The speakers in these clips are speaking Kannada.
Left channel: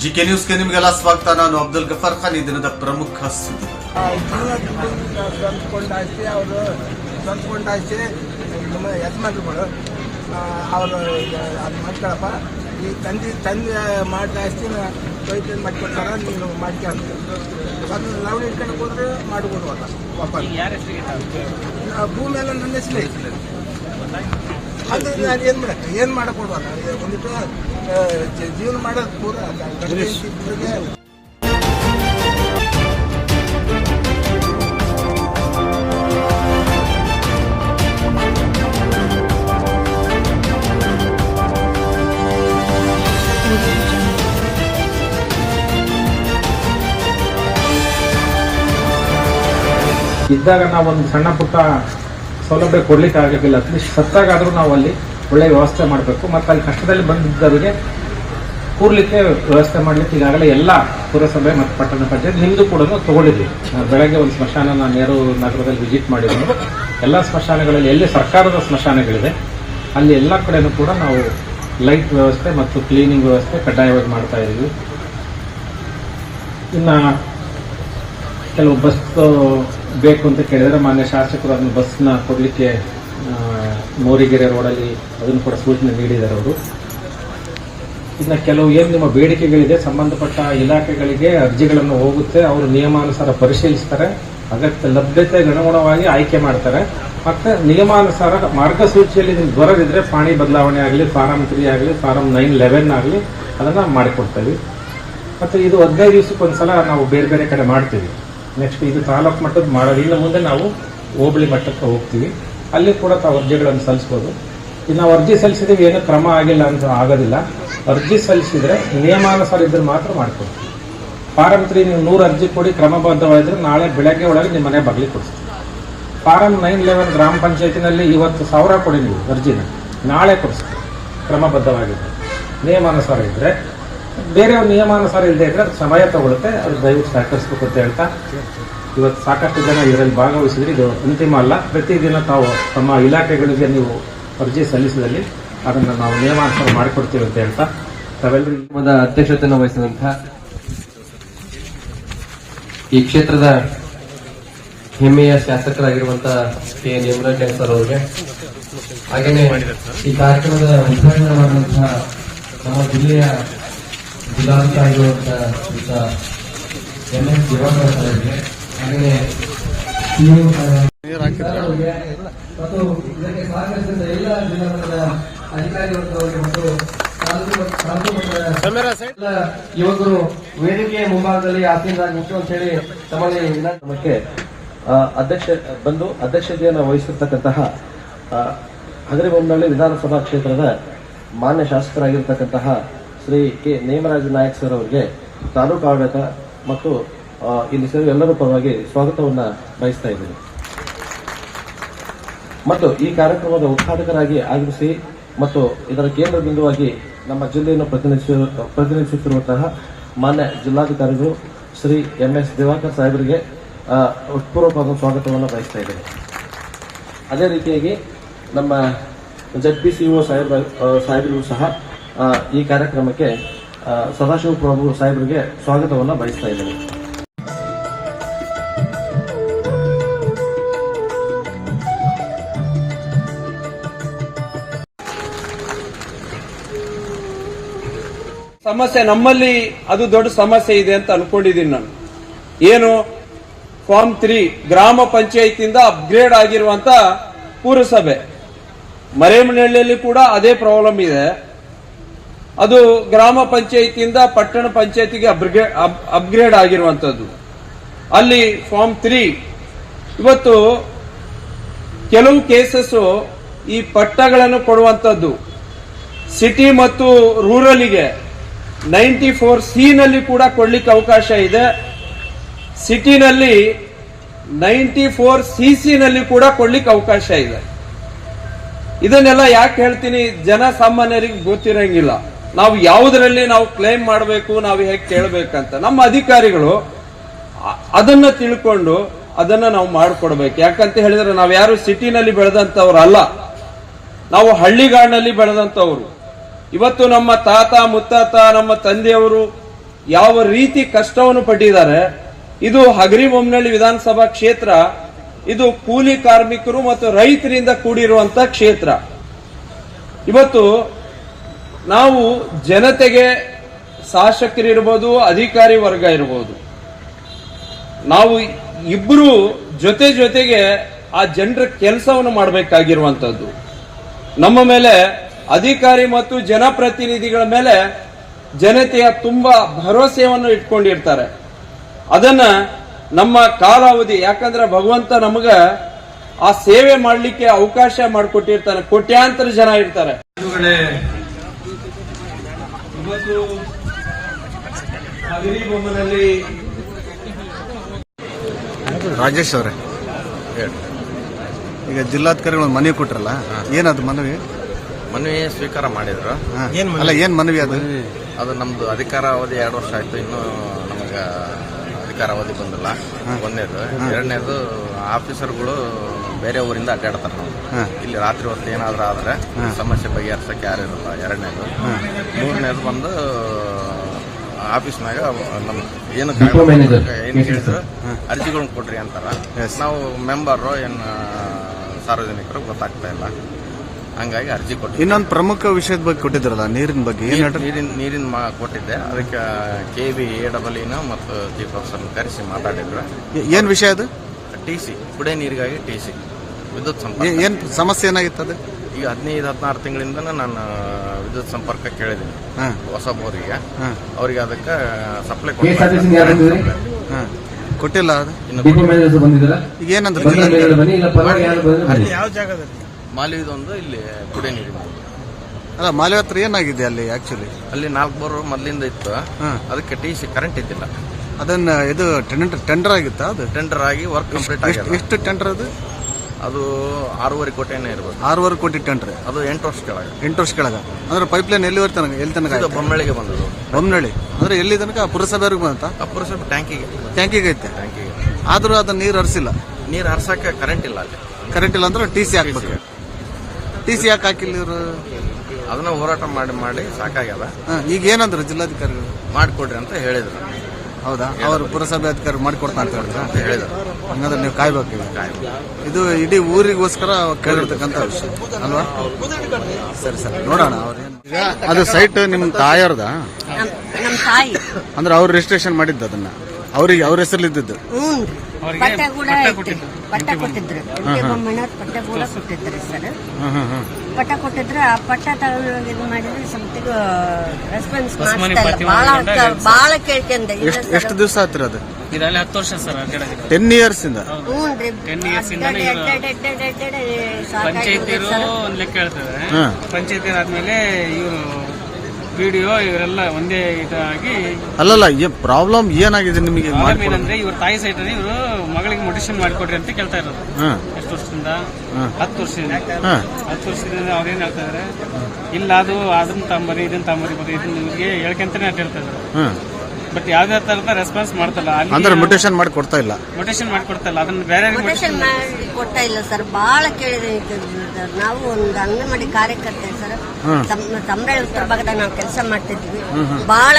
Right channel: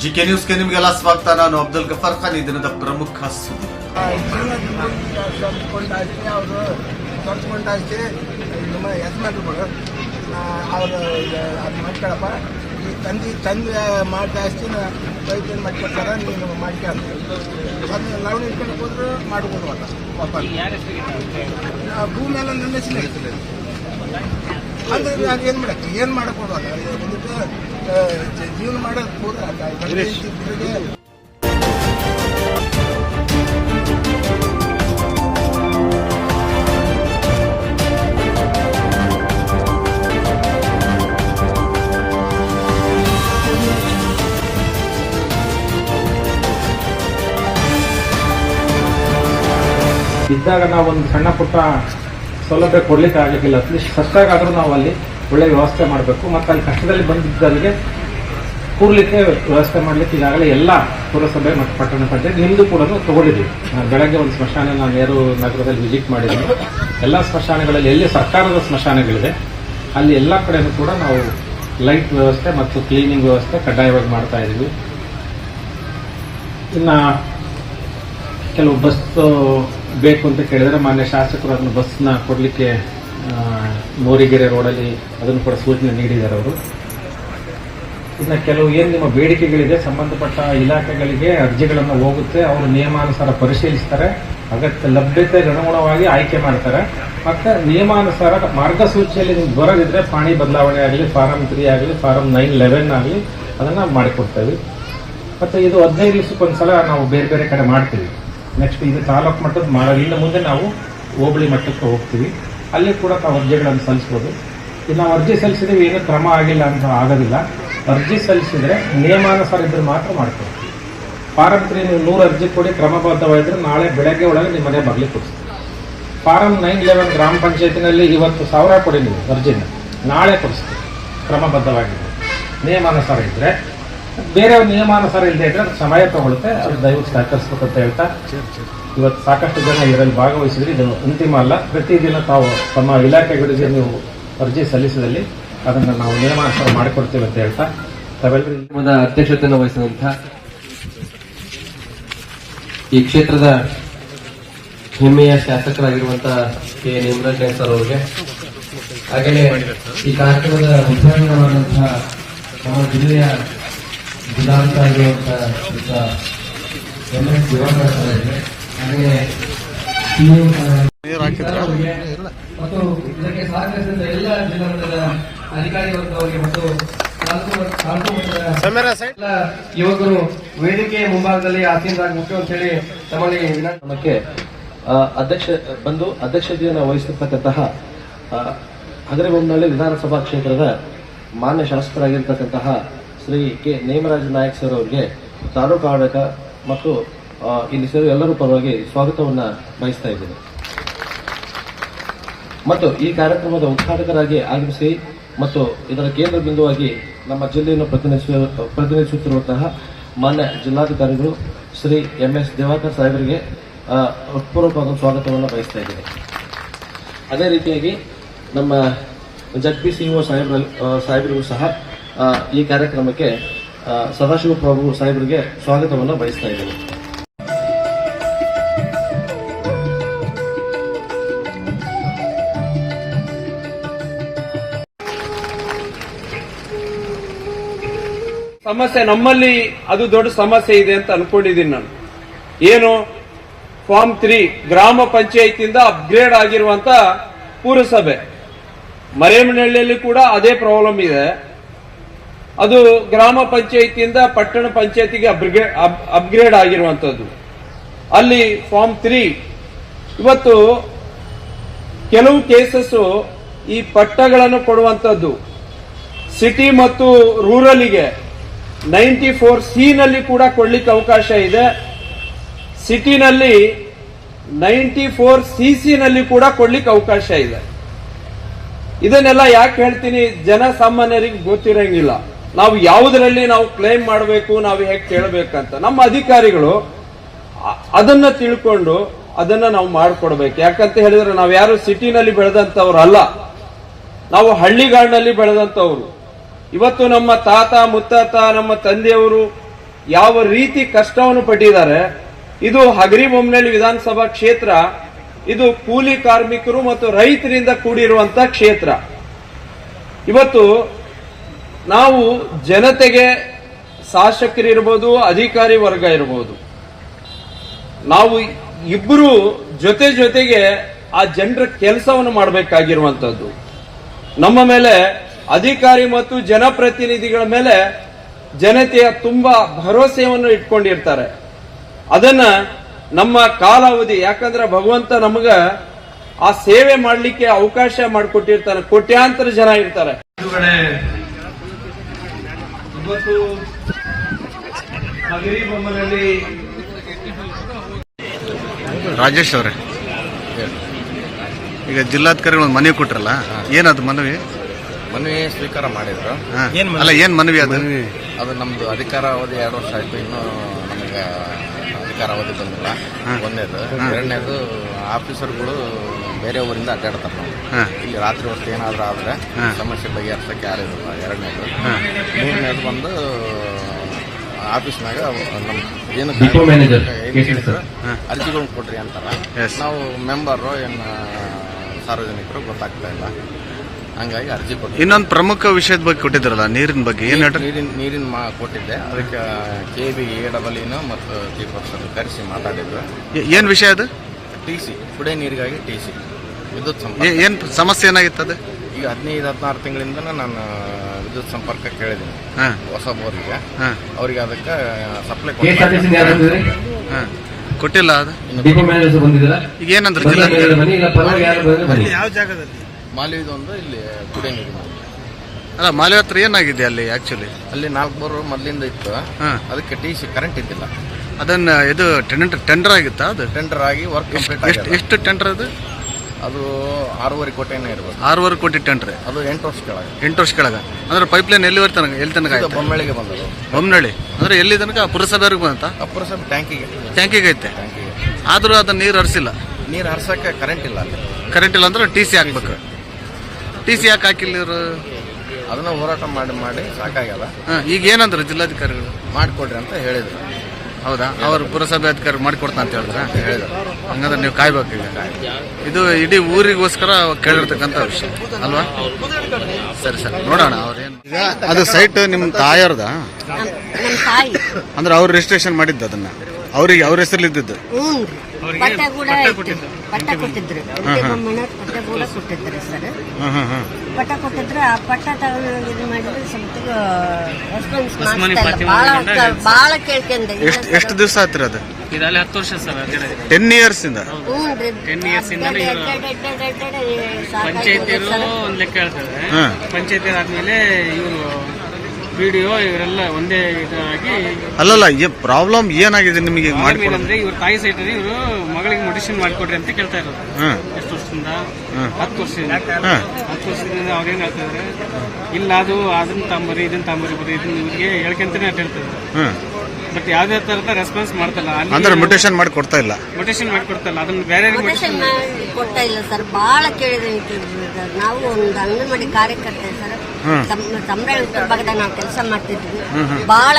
ಜಿಕೆ ನ್ಯೂಸ್ಗೆ ನಿಮಗೆಲ್ಲ ಸ್ವಾಗತ. ನಾನು ಅಬ್ದುಲ್ ಗಫರ್ ಖಾನ್. ಈ ದಿನದ ಪ್ರಮುಖ ಸುದ್ದಿ. ಅವರು ಸ್ವಂತಕೊಂಡಾಯ್ತು ನಮ್ಮ ಯಜಮಾನ್ರುಗಳು ಅವರು ಅದು ಮಾಡ್ಕೊಳಪ್ಪ ಈ ತಂದೆ ತಂದೆ ಮಾಡಿದ ಆಸ್ತಿನ ರೈತರು ಮಾಡ್ಕೊಡ್ತಾರ ನೀನು ಮಾಡ್ಕೊಳ್ಳ ಅದನ್ನ ಲವಣಿ ಇಟ್ಕೊಂಡು ಹೋದ್ರೆ ಮಾಡ್ಕೊಡುವಲ್ಲ ವಾಪಸ್ ಆ ಭೂಮಿ ಎಲ್ಲ ನನ್ನ ಹೆಸರು ಇರ್ತದೆ ಅಂದ್ರೆ ಅದು ಏನು ಮಾಡಕ್ಕೆ ಏನು ಮಾಡಕ್ ಕೊಡುವಲ್ಲ ಒಂದಿಟ್ಟು ಜೀವನ ಮಾಡೋದು ಪೂರ ಇದ್ದಾಗ ನಾವು ಒಂದು ಸಣ್ಣ ಪುಟ್ಟ ಸೌಲಭ್ಯ ಕೊಡ್ಲಿಕ್ಕೆ ಆಗಲಿಕ್ಕಿಲ್ಲ ಅಟ್ಲೀಸ್ಟ್ ಸತ್ತಾಗಾದ್ರೂ ನಾವು ಅಲ್ಲಿ ಒಳ್ಳೆ ವ್ಯವಸ್ಥೆ ಮಾಡಬೇಕು. ಮತ್ತೆ ಅಲ್ಲಿ ಕಷ್ಟದಲ್ಲಿ ಬಂದಿದ್ದವರಿಗೆ ಕೂರ್ಲಿಕ್ಕೆ ವ್ಯವಸ್ಥೆ ಮಾಡ್ಲಿಕ್ಕೆ ಈಗಾಗಲೇ ಎಲ್ಲ ಪುರಸಭೆ ಮತ್ತು ಪಟ್ಟಣ ಪಂಚಾಯತ್ ಹಿಂದು ಕೂಡ ತಗೊಂಡಿದ್ವಿ ನಾವು ಬೆಳಗ್ಗೆ ಒಂದು ಸ್ಮಶಾನ ನಾನು ನೆಹರು ನಗರದಲ್ಲಿ ವಿಸಿಟ್ ಮಾಡಿದ್ದೀನಿ ಎಲ್ಲ ಸ್ಮಶಾನಗಳಲ್ಲಿ ಎಲ್ಲಿ ಸರ್ಕಾರದ ಸ್ಮಶಾನಗಳಿದೆ, ಅಲ್ಲಿ ಎಲ್ಲ ಕಡೆನೂ ಕೂಡ ನಾವು ಲೈಟ್ ವ್ಯವಸ್ಥೆ ಮತ್ತು ಕ್ಲೀನಿಂಗ್ ವ್ಯವಸ್ಥೆ ಕಡ್ಡಾಯವಾಗಿ ಮಾಡ್ತಾ ಇದ್ದೀವಿ. ಇನ್ನ ಕೆಲವು ಬಸ್ ಬೇಕು ಅಂತ ಕೇಳಿದ್ರೆ ಮಾನ್ಯ ಶಾಸಕರು ಅದನ್ನು ಬಸ್ನ ಕೊಡಲಿಕ್ಕೆ ಮೋರಿಗೆರೆ ರೋಡಲ್ಲಿ ಅದನ್ನು ಕೂಡ ಸೂಚನೆ ನೀಡಿದ್ದಾರೆ ಅವರು. ಇನ್ನು ಕೆಲವು ಏನು ನಿಮ್ಮ ಬೇಡಿಕೆಗಳಿದೆ, ಸಂಬಂಧಪಟ್ಟ ಇಲಾಖೆಗಳಿಗೆ ಅರ್ಜಿಗಳನ್ನು ಹೋಗುತ್ತೆ, ಅವರು ನಿಯಮಾನುಸಾರ ಪರಿಶೀಲಿಸ್ತಾರೆ, ಅಗತ್ಯ ಲಭ್ಯತೆ ಅನುಗುಣವಾಗಿ ಆಯ್ಕೆ ಮಾಡ್ತಾರೆ. ಮತ್ತೆ ನಿಯಮಾನುಸಾರ ಮಾರ್ಗಸೂಚಿಯಲ್ಲಿ ನಿಮ್ಗೆ ಬರದಿದ್ರೆ ಪಾಣಿ ಬದಲಾವಣೆ ಆಗಲಿ, ಫಾರಂ ತ್ರೀ ಆಗಲಿ, ಫಾರಂ ನೈನ್ ಲೆವೆನ್ ಆಗಲಿ, ಅದನ್ನ ಮಾಡಿಕೊಡ್ತೇವೆ. ಮತ್ತೆ ಇದು ಹದಿನೈದು ದಿವಸಕ್ಕೊಂದ್ಸಲ ನಾವು ಬೇರೆ ಬೇರೆ ಕಡೆ ಮಾಡ್ತೀವಿ. ನೆಕ್ಸ್ಟ್ ಇದು ತಾಲೂಕು ಮಟ್ಟದ ಮಾಡೋದಿಲ್ಲ ಮುಂದೆ ನಾವು ಹೋಬಳಿ ಮಟ್ಟಕ್ಕೆ ಹೋಗ್ತೀವಿ. ಅಲ್ಲಿ ಕೂಡ ತಾವು ಅರ್ಜಿಗಳನ್ನು ಸಲ್ಲಿಸ್ಬೋದು. ಇದು ನಾವು ಅರ್ಜಿ ಸಲ್ಲಿಸಿದ್ರೆ ಏನೂ ಕ್ರಮ ಆಗಿಲ್ಲ ಅಂತ ಆಗೋದಿಲ್ಲ. ಅರ್ಜಿ ಸಲ್ಲಿಸಿದ್ರೆ ನಿಯಮಾನುಸಾರ ಇದ್ರೆ ಮಾತ್ರ ಮಾಡ್ತೀವಿ. ಫಾರಂ ತ್ರೀ ನೀವು ನೂರು ಅರ್ಜಿ ಕೊಡಿ, ಕ್ರಮಬದ್ಧವಾಗಿದ್ರೆ ನಾಳೆ ಬೆಳಗ್ಗೆ ಒಳಗೆ ನಿಮ್ಮ ಮನೆ ಬಗ್ಲಿ ಕೊಡ್ತೀವಿ. ಫಾರಂ ನೈನ್ ಲೆವೆನ್ ಗ್ರಾಮ ಪಂಚಾಯತಿನಲ್ಲಿ ಇವತ್ತು ಸಾವಿರ ಕೊಡಿ ನೀವು ಅರ್ಜಿನ. ನಾಳೆ ಕೊಡಿಸ್ತೀವಿ. ಕ್ರಮಬದ್ಧವಾಗಿದೆ ನಿಯಮಾನುಸಾರ ಇದ್ರೆ. ಬೇರೆ ನಿಯಮಾನುಸಾರ ಇಲ್ಲದೆ ಇದ್ರೆ ಸಮಯ ತಗೊಳುತ್ತೆ, ಅದು ದಯವಿಟ್ಟು ಸಹಕರಿಸ್ಬೇಕು ಅಂತ ಹೇಳ್ತಾ, ಇವತ್ತು ಸಾಕಷ್ಟು ಜನ ಇದರಲ್ಲಿ ಭಾಗವಹಿಸಿದ್ರೆ, ಇದು ಅಂತಿಮ ಅಲ್ಲ. ಪ್ರತಿದಿನ ತಾವು ತಮ್ಮ ಇಲಾಖೆಗಳಿಗೆ ನೀವು ಅರ್ಜಿ ಸಲ್ಲಿಸಿದಲ್ಲಿ ಅದನ್ನು ನಾವು ನಿಯಮಾನುಸಾರ ಮಾಡಿಕೊಡ್ತೀವಿ ಅಂತ ಹೇಳ್ತಾ ಕಾರ್ಯಕ್ರಮದ ಅಧ್ಯಕ್ಷತೆಯನ್ನು ವಹಿಸಿದಂಥ ಈ ಕ್ಷೇತ್ರದ ಹೆಮ್ಮೆಯ ಶಾಸಕರಾಗಿರುವಂತಹ ಕೆ. ನಿಮರಾಜ್ ಸರ್ ಅವರಿಗೆ ಹಾಗೆಯೇ ಈ ಕಾರ್ಯಕ್ರಮದ ಉದ್ಘಾಟನೆ ಮಾಡುವಂತಹ ನಮ್ಮ ಜಿಲ್ಲೆಯ ಜಿಲ್ಲಾಧಿಕಾರಿಗಳಾದಂತಹ ಶ್ರೀಯುತ ಎಂ ಎಸ್ ದಿವಾಕರ್ ಸರ್ ಅವರಿಗೆ ಹಾಗೆಯೇ PO ಅವರಿಗೆ ಮತ್ತು ಇದಕ್ಕೆ ಸಹಕರಿಸಿದ ಎಲ್ಲ ಜಿಲ್ಲಾ ಮಟ್ಟದ ಅಧಿಕಾರಿ ವರ್ಗದವರಿಗೆ ಮತ್ತು ಯುವಕರು ವೇದಿಕೆಯ ಮುಂಭಾಗದಲ್ಲಿ ಆಸೀನರಾಗಬೇಕು ಅಂತ ಹೇಳಿ ತಮ್ಮಲ್ಲಿ ವಿನಂತಿ ಅಧ್ಯಕ್ಷ ಬಂದು ಅಧ್ಯಕ್ಷತೆಯನ್ನು ವಹಿಸಿರ್ತಕ್ಕಂತಹ ಹಗರಬೊಮ್ಮನಹಳ್ಳಿ ವಿಧಾನಸಭಾ ಕ್ಷೇತ್ರದ ಮಾನ್ಯ ಶಾಸಕರಾಗಿರ್ತಕ್ಕಂತಹ ಶ್ರೀ ಕೆ. ನೇಮರಾಜ ನಾಯಕ್ ಸರ್ ಅವರಿಗೆ ತಾಲೂಕು ಆಡಳಿತ ಮತ್ತು ಇಲ್ಲಿ ಸೇರಿ ಎಲ್ಲರೂ ಪರವಾಗಿ ಸ್ವಾಗತವನ್ನು ಬಯಸ್ತಾ ಇದ್ದೇನೆ. ಮತ್ತು ಈ ಕಾರ್ಯಕ್ರಮದ ಉದ್ಘಾಟಕರಾಗಿ ಆಗಮಿಸಿ ಮತ್ತು ಇದರ ಕೇಂದ್ರ ಬಿಂದುವಾಗಿ ನಮ್ಮ ಜಿಲ್ಲೆಯನ್ನು ಪ್ರತಿನಿಧಿಸುವ, ಪ್ರತಿನಿಧಿಸುತ್ತಿರುವಂತಹ ಮಾನ್ಯ ಜಿಲ್ಲಾಧಿಕಾರಿಗಳು ಶ್ರೀ ಎಂ ಎಸ್ ದಿವಾಕರ್ ಸಾಹೇಬರಿಗೆ ಉತ್ಪೂರ್ವಕವಾದ ಸ್ವಾಗತವನ್ನು ಬಯಸ್ತಾ ಇದ್ದೇನೆ. ಅದೇ ರೀತಿಯಾಗಿ ನಮ್ಮ ಜಡ್ ಪಿ ಸಾಹೇಬರಿಗೂ ಸಹ ಈ ಕಾರ್ಯಕ್ರಮಕ್ಕೆ ಸದಾಶಿವ ಪ್ರಭು ಸಾಹೇಬರಿಗೆ ಸ್ವಾಗತವನ್ನು ಬಯಸ್ತಾ ಇದ್ದೇನೆ. ಸಮಸ್ಯೆ ನಮ್ಮಲ್ಲಿ ಅದು ದೊಡ್ಡ ಸಮಸ್ಯೆ ಇದೆ ಅಂತ ಅನ್ಕೊಂಡಿದ್ದೀನಿ ನಾನು. ಏನು? ಫಾರ್ಮ್ ತ್ರೀ, ಗ್ರಾಮ ಪಂಚಾಯತಿಯಿಂದ ಅಪ್ಗ್ರೇಡ್ ಆಗಿರುವಂತ ಪುರಸಭೆ. ಮರೇಮನಹಳ್ಳಿಯಲ್ಲಿ ಕೂಡ ಅದೇ ಪ್ರಾಬ್ಲಮ್ ಇದೆ. ಅದು ಗ್ರಾಮ ಪಂಚಾಯತಿಯಿಂದ ಪಟ್ಟಣ ಪಂಚಾಯತಿಗೆ ಅಪ್ಗ್ರೇಡ್ ಅಪ್ಗ್ರೇಡ್ ಆಗಿರುವಂತದ್ದು. ಅಲ್ಲಿ ಫಾರ್ಮ್ ತ್ರೀ ಇವತ್ತು ಕೆಲವು ಕೇಸಸ್ ಈ ಪಟ್ಟಗಳನ್ನು ಕೊಡುವಂತದ್ದು. ಸಿಟಿ ಮತ್ತು ರೂರಲ್ಗೆ ನೈಂಟಿ ಫೋರ್ ಸಿ ನಲ್ಲಿ ಕೂಡ ಕೊಡ್ಲಿಕ್ಕೆ ಅವಕಾಶ ಇದೆ. ಸಿಟಿನಲ್ಲಿ ನೈಂಟಿ ಫೋರ್ ಸಿ ಸಿ ನಲ್ಲಿ ಕೂಡ ಕೊಡ್ಲಿಕ್ಕೆ ಅವಕಾಶ ಇದೆ. ಇದನ್ನೆಲ್ಲ ಯಾಕೆ ಹೇಳ್ತೀನಿ? ಜನಸಾಮಾನ್ಯರಿಗೆ ಗೊತ್ತಿರಂಗಿಲ್ಲ. ನಾವು ಯಾವುದರಲ್ಲಿ ನಾವು ಕ್ಲೇಮ್ ಮಾಡಬೇಕು, ನಾವು ಹೇಗೆ ಕೇಳಬೇಕಂತ. ನಮ್ಮ ಅಧಿಕಾರಿಗಳು ಅದನ್ನ ತಿಳ್ಕೊಂಡು ಅದನ್ನ ನಾವು ಮಾಡಿಕೊಡ್ಬೇಕು. ಯಾಕಂತ ಹೇಳಿದ್ರೆ ನಾವು ಯಾರು ಸಿಟಿನಲ್ಲಿ ಬೆಳೆದಂತವ್ರು ಅಲ್ಲ. ನಾವು ಹಳ್ಳಿಗಾಡಿನಲ್ಲಿ ಬೆಳೆದಂತವ್ರು ಇವತ್ತು ನಮ್ಮ ತಾತ, ಮುತ್ತಾತ, ನಮ್ಮ ತಂದೆಯವರು ಯಾವ ರೀತಿ ಕಷ್ಟವನ್ನು ಪಟ್ಟಿದ್ದಾರೆ, ಇದು ಹಗರಿ ಬೊಮ್ಮನಹಳ್ಳಿ ವಿಧಾನಸಭಾ ಕ್ಷೇತ್ರ, ಇದು ಕೂಲಿ ಕಾರ್ಮಿಕರು ಮತ್ತು ರೈತರಿಂದ ಕೂಡಿರುವಂತಹ ಕ್ಷೇತ್ರ. ಇವತ್ತು ನಾವು ಜನತೆಗೆ ಶಾಸಕರಿರ್ಬೋದು, ಅಧಿಕಾರಿ ವರ್ಗ ಇರ್ಬೋದು. ನಾವು ಇಬ್ಬರು ಜೊತೆ ಜೊತೆಗೆ ಆ ಜನರ ಕೆಲಸವನ್ನು ಮಾಡಬೇಕಾಗಿರುವಂತದ್ದು ನಮ್ಮ ಮೇಲೆ ಅಧಿಕಾರಿ ಮತ್ತು ಜನಪ್ರತಿನಿಧಿಗಳ ಮೇಲೆ ಜನತೆಯ ತುಂಬಾ ಭರವಸೆಯನ್ನು ಇಟ್ಕೊಂಡಿರ್ತಾರೆ. ಅದನ್ನ ನಮ್ಮ ಕಾಲಾವಧಿ, ಯಾಕಂದ್ರೆ ಭಗವಂತ ನಮಗ ಆ ಸೇವೆ ಮಾಡಲಿಕ್ಕೆ ಅವಕಾಶ ಮಾಡಿಕೊಟ್ಟಿರ್ತಾನೆ, ಕೋಟ್ಯಾಂತರ ಜನ ಇರ್ತಾರೆ. ಇವತ್ತು ಹಗರಿ ಬೊಮ್ಮನಲ್ಲಿ ರಾಜೇಶ್ ಅವರೇ. ಈಗ ಜಿಲ್ಲಾಧಿಕಾರಿಗಳು ಒಂದು ಮನವಿ ಕೊಟ್ರಲ್ಲ ಏನದು ಮನವಿ? ಮನವಿ ಸ್ವೀಕಾರ ಮಾಡಿದ್ರು. ಹಾ. ಅಲ್ಲ ಏನ್ ಮನವಿ ಅದು? ಅದು ನಮ್ದು ಅಧಿಕಾರ ಅವಧಿ ಎರಡು ವರ್ಷ ಆಯ್ತು ಇನ್ನು ನಮಗೆ ಅಧಿಕಾರ ಅವಧಿ ಬಂದಿಲ್ಲ ಒಂದನೇದು ಎರಡನೇದು ಆಫೀಸರ್ಗಳು ಬೇರೆ ಊರಿಂದ ಅಡ್ಡಾಡ್ತಾರೆ ನಾವು. ಇಲ್ಲಿ ರಾತ್ರಿ ಹೊತ್ತು ಏನಾದ್ರೂ ಆದ್ರೆ ಸಮಸ್ಯೆ ಬಗೆಹರಿಸಕ್ಕೆ ಯಾರು ಇರಲ್ಲ. ಎರಡನೇದು. ಮೂರನೇದು ಬಂದು ಆಫೀಸ್ನಾಗ ನಮ್ ಏನು. ಏನು ಹೇಳಿದ್ರು ಅರ್ಜಿಗಳನ್ನ ಕೊಡ್ರಿ ಅಂತಾರ. ನಾವು ಮೆಂಬರು ಏನು ಸಾರ್ವಜನಿಕರು ಗೊತ್ತಾಗ್ತಾ ಇಲ್ಲ. ಹಂಗಾಗಿ ಅರ್ಜಿ ಕೊಟ್ಟು ಇನ್ನೊಂದು ಪ್ರಮುಖ ವಿಷಯದ ಬಗ್ಗೆ ಕೊಟ್ಟಿದ್ರಲ್ಲ ನೀರಿನ ಬಗ್ಗೆ. ಏನು ನೀರಿನ ನೀರಿನ ಮಾ ಕೊಟ್ಟಿದ್ದೆ. ಅದಕ್ಕೆ ಕೆ ಬಿ ಎ ಡಬಲ್ ಇನ ಮತ್ತು ಚೀಫ್ ಆಫೀಸರ್ ಕರೆಸಿ ಮಾತಾಡಿದ್ರು. ಏನ್ ವಿಷಯ ಅದು? ಟಿ ಸಿ ಕುಡಿಯ ನೀರಿಗಾಗಿ ಟಿ ಸಿ ವಿದ್ಯುತ್ ಸಂಪರ್ಕ. ಏನು ಸಮಸ್ಯೆ ಏನಾಗಿತ್ತು ಅದು? ಈಗ ಹದಿನೈದು ಹದಿನಾರು ತಿಂಗಳಿಂದ ನಾನು ವಿದ್ಯುತ್ ಸಂಪರ್ಕ ಕೇಳಿದ್ದೀನಿ. ಹಾ. ಹೊಸ ಬೋರಿಗೆ. ಹಾಂ. ಅವ್ರಿಗೆ ಅದಕ್ಕೆ ಸಪ್ಲೈ ಯಾರು ಕೊಟ್ಟಿಲ್ಲ ಅದು? ಈಗ ಏನಂದ್ರೆ. ಮಾಲಿದೊಂದು ಇಲ್ಲಿ ಕುಡಿಯ ನೀರಿನ ಅಲ್ಲ ಮಾಲಿ ಹತ್ರ ಏನಾಗಿದೆ ಅಲ್ಲಿ ಆಕ್ಚುಲಿ ಅಲ್ಲಿ ನಾಲ್ಕು ಬೋರ್ ಮೊದಲಿಂದ ಇತ್ತು. ಹಾ. ಅದಕ್ಕೆ ಟಿ ಸಿ ಕರೆಂಟ್ ಇದ್ದಿಲ್ಲ. ಅದನ್ನ ಇದು ಟೆಂಡರ್ ಟೆಂಡರ್ ಆಗುತ್ತಾ ಅದು? ಟೆಂಡರ್ ಆಗಿ ವರ್ಕ್ ಕಂಪ್ಲೀಟ್ ಎಷ್ಟು ಆಗಿಲ್ಲ. ಎಷ್ಟು ಟೆಂಡರ್ ಅದು? ಅದು ಆರೂವರೆ ಕೋಟೆನೇ ಇರ್ಬೋದು. ಆರೂವರೆ ಕೋಟಿ ಟೆಂಡರ್ ಅದು ಎಂಟು ವರ್ಷ ಕೆಳಗೆ. ಎಂಟು ವರ್ಷ ಕೆಳಗೆ. ಅಂದ್ರೆ ಪೈಪ್ ಲೈನ್ ಎಲ್ಲಿವರೆ ತನಕ ಎಲ್ಲಿ ತನಕ ಆಯ್ತು? ಬೊಮ್ಮಳಿಗೆ ಬಂದದು. ಬೊಮ್ಮನಹಳ್ಳಿ ಅಂದ್ರೆ ಎಲ್ಲಿ ತನಕ? ಪುರಸಭೆವರೆಗೆ ಬಂತ ಪುರಸಭೆ ಟ್ಯಾಂಕಿಗೆ. ಟ್ಯಾಂಕಿಗೆ ಐತೆ. ಟ್ಯಾಂಕಿಗೆ. ಆದರೂ ಅದನ್ನ ನೀರು ಹರಿಸಿಲ್ಲ. ನೀರು ಹರ್ಸಕ್ಕೆ ಕರೆಂಟ್ ಇಲ್ಲ ಅಲ್ಲಿ. ಕರೆಂಟ್ ಇಲ್ಲ ಅಂದ್ರೆ ಟಿ ಸಿ ಹಾಕ್ಬೇಕು. ಟಿ ಸಿ ಯಾಕೆ ಹಾಕಿಲ್ಲ ಇವ್ರು? ಅದನ್ನ ಹೋರಾಟ ಮಾಡಿ ಮಾಡಿ ಸಾಕಾಗ್ಯದ. ಹಾ, ಈಗ ಏನಂದ್ರೆ ಜಿಲ್ಲಾಧಿಕಾರಿಗಳು? ಮಾಡಿಕೊಡ್ರಿ ಅಂತ ಹೇಳಿದ್ರು. ಹೌದಾ? ಅವರು ಪುರಸಭೆ ಅಧಿಕಾರಿ ಮಾಡಿಕೊಡ್ತಾ ಅಂತ ಹೇಳಿದ್ರ? ಹೇಳಿದ್ರು ಹಂಗಂದ್ರೆ ನೀವು ಕಾಯ್ಬೇಕು ಈಗ. ಇದು ಇಡೀ ಊರಿಗೋಸ್ಕರ ಕೇಳಿರ್ತಕ್ಕಂಥ ವಿಷಯ ಅಲ್ವಾ? ಸರಿ ಸರಿ. ನೋಡೋಣ ಅವ್ರೇನು ಈಗ ಅದು ಸೈಟ್ ನಿಮ್ ತಾಯಿಯವ್ರದ? ಅಂದ್ರೆ ಅವ್ರು ರಿಜಿಸ್ಟ್ರೇಷನ್ ಮಾಡಿದ್ದು ಅದನ್ನ. ಅವ್ರಿಗೆ ಅವ್ರ ಹೆಸರಲ್ಲಿ ಇದ್ದಿದ್ದು ಹ್ಞೂ ಪಟ್ಟ ಕೂಡ. ಪಟ್ಟ ಕೊಟ್ಟಿದ್ರು. ಪಟ್ಟ ಕೂಡ ಕೊಟ್ಟಿದ್ರು ಸರ್. ಪಟ್ಟ ಕೊಟ್ಟಿದ್ರು. ಆ ಪಟ್ಟ ತಗೊಂಡು ಇದು ಮಾಡಿದ್ರೆ ಸಮತಿಗೂ ರೆಸ್ಪಾನ್ಸ್ ಮಾಡ್ತಾ ಇಲ್ಲ. ಬಾಳ ಬಾಳ ಕೇಳ್ಕೊಂಡೆ. ಇಲ್ಲ ಎಷ್ಟು ಸರ್. ಎಷ್ಟು ದಿವಸ ಆತ್ರಿ ಅದು? ಇದರಲ್ಲಿ ಹತ್ತು ವರ್ಷ ಸರ್ ಅಡ್ಡಾಡಿದೆ ಟೆನ್ ಇಯರ್ಸ್ ಇಂದ? ಹ್ಞೂನ್ರಿ ಅಡ್ಡಾಡಿ ಅಡ್ಡಾಡಿ ಅಡ್ಡಾಡಿ ಅಡ್ಡಾಡಿ ಸಾಕಾಗಿ ಪಂಚಾಯತಿಯರು ಸರ್. ಒಂದ್ ಲೆಕ್ಕ ಹೇಳ್ತಾರೆ ಹಾ. ಪಂಚಾಯತಿ ಆದ್ಮೇಲೆ ಇವರು ಪಿಡಿಒ ಇವರೆಲ್ಲ ಒಂದೇ ಇದಾಗಿ ಅಲ್ಲಲ್ಲ ಪ್ರಾಬ್ಲಮ್ ಏನಾಗಿದೆ ನಿಮಗೆ ಮಾಡಿಕೊಡೋದು? ಏನಂದ್ರೆ ಇವ್ರ ತಾಯಿ ಸೈಟ್ ಇವರು ಮಗಳಿಗೆ ಮೊಡಿಷನ್ ಮಾಡಿಕೊಡ್ರಿ ಅಂತ ಕೇಳ್ತಾ ಇರೋದು. ಹಾ. ಎಷ್ಟು ವರ್ಷದಿಂದ? ಹಾ. ಹತ್ತು ವರ್ಷದಿಂದ. ಹಾ. ಹತ್ತು ವರ್ಷದಿಂದ ಅವ್ರೇನ್ ಹೇಳ್ತಾ ಇದಾರೆ? ಇಲ್ಲ ಅದು ಅದನ್ನ ತಾಂಬರಿ ಇದನ್ನ ತಾಂಬರಿ ಬರೀ ಇದನ್ನ ಇವ್ರಿಗೆ ಹೇಳ್ಕೊಂತಾನೆ ಅಂತ ಹೇಳ್ತಾ ಇದಾರೆ. ಹಾ. ಬಟ್ ಯಾವ್ದೇ ತರದ ರೆಸ್ಪಾನ್ಸ್ ಮಾಡ್ತಲ್ಲ. ಅಂದ್ರೆ ಮ್ಯೂಟೇಶನ್ ಮಾಡಿ ಕೊಡ್ತಾ ಇಲ್ಲ. ಮೊಟೇಷನ್ ಮಾಡ್ಕೊಡ್ತಲ್ಲ ಅದನ್ನ ಬೇರೆ ಕೊಟೇಶನ್ ಮಾಡಿ ಕೊಡ್ತಾ ಇಲ್ಲ ಸರ್. ಬಹಳ ಕೇಳಿದ್ವಿ ಸರ್. ನಾವು ಒಂದು ಅಂಗನವಾಡಿ ಕಾರ್ಯಕರ್ತೆ ಸರ್. ತಮ್ಮ ಉತ್ತರ ಭಾಗದಾಗ ನಾವು ಕೆಲಸ ಮಾಡ್ತಿದ್ವಿ. ಬಹಳ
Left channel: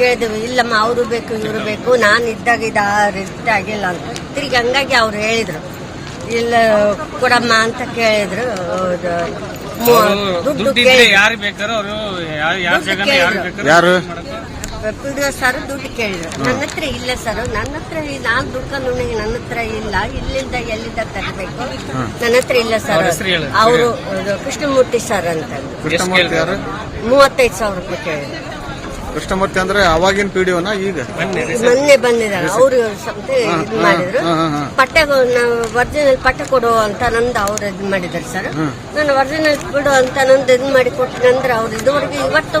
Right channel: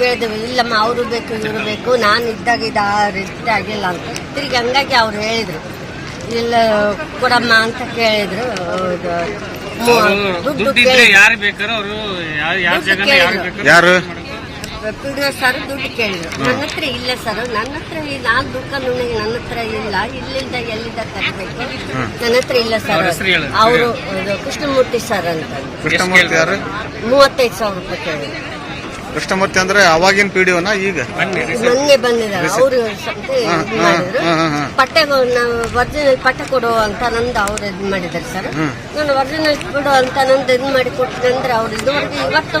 ಕೇಳಿದ್ವಿ. ಇಲ್ಲಮ್ಮ ಅವರು ಬೇಕು ಇವರು ಬೇಕು. ನಾನು ಇದ್ದಾಗ ಇದು ರಿಸ್ಟ್ ಆಗಿಲ್ಲ ಅಂತ. ತಿರ್ಗಿ ಹಂಗಾಗಿ ಅವ್ರು ಹೇಳಿದ್ರು. ಇಲ್ಲ ಕೊಡಮ್ಮ ಅಂತ ಕೇಳಿದ್ರು. ದುಡ್ಡು ಯಾರು ಬೇಕಾದ್ರೂ ಅವರು. ಯಾರು ಬೇಕಾರೋ ಯಾರು? ಡಿ ಸರ್ ದುಡ್ಡು ಕೇಳಿದ್ರು. ನನ್ನ ಹತ್ರ ಇಲ್ಲ ಸರ್. ನನ್ನ ಹತ್ರ ನಾನು ದುಡ್ಕೊಂಡು ನನ್ನ ಹತ್ರ ಇಲ್ಲ ಇಲ್ಲಿಂದ ಎಲ್ಲಿಂದ ತರಬೇಕು? ನನ್ನ ಹತ್ರ ಇಲ್ಲ ಸರ್. ಅವರು ಕೃಷ್ಣಮೂರ್ತಿ ಸರ್ ಅಂತ. ಕೃಷ್ಣಮೂರ್ತಿ ಮೂವತ್ತೈದು ಸಾವಿರ ರೂಪಾಯಿ ಕೇಳಿದ್ರು. ಕೃಷ್ಣಮೂರ್ತಿ ಅಂದ್ರೆ ಅವಾಗಿನ ಪಿಡಿಯೋನ ಈಗ? ಮೊನ್ನೆ ಬಂದಿದ್ದಾರೆ. ಅವರು ಪಟ್ಟೆ ಮಾಡಿದ್ರು. ಪಟ್ಟೆ ಒರಿಜಿನಲ್ ಪಟ್ಟೆ ಕೊಡು ಅಂತ ನಂದು ಅವ್ರು ಇದು ಮಾಡಿದ್ದಾರೆ ಸರ್. ನಾನು ಒರಿಜಿನಲ್ ಬಿಡು ಅಂತ ನಂದು ಇದು ಮಾಡಿ ಕೊಟ್ಟಿನಂದ್ರೆ ಅವ್ರು ಇದುವರೆಗೆ ಇವತ್ತು